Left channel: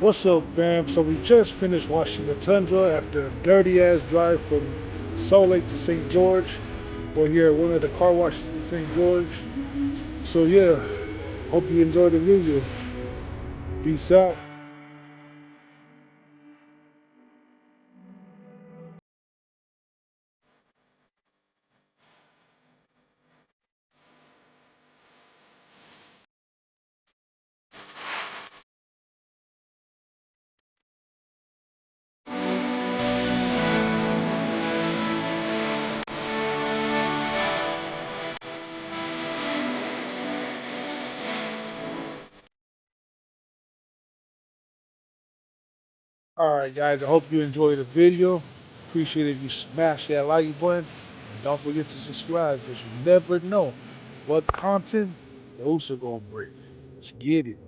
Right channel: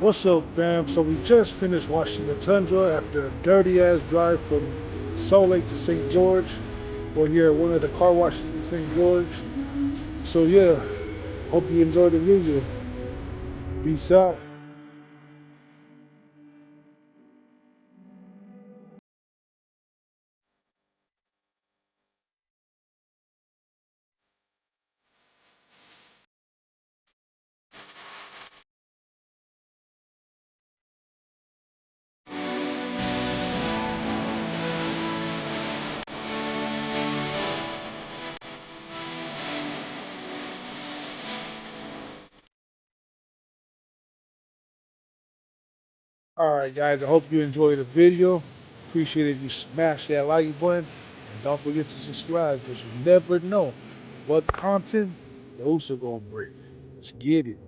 What's up, fam? So we just finished watching the Tundra after a dirty ass drive from Salt Lake to St. George. We're here at one of the car washes in St. George. So yeah, hope you enjoyed the video. Peace out. Alright guys, I hope you enjoyed the video. Appreciate if you smash that like button. And don't forget to subscribe because you never know what content those are gonna bring. Let's get it.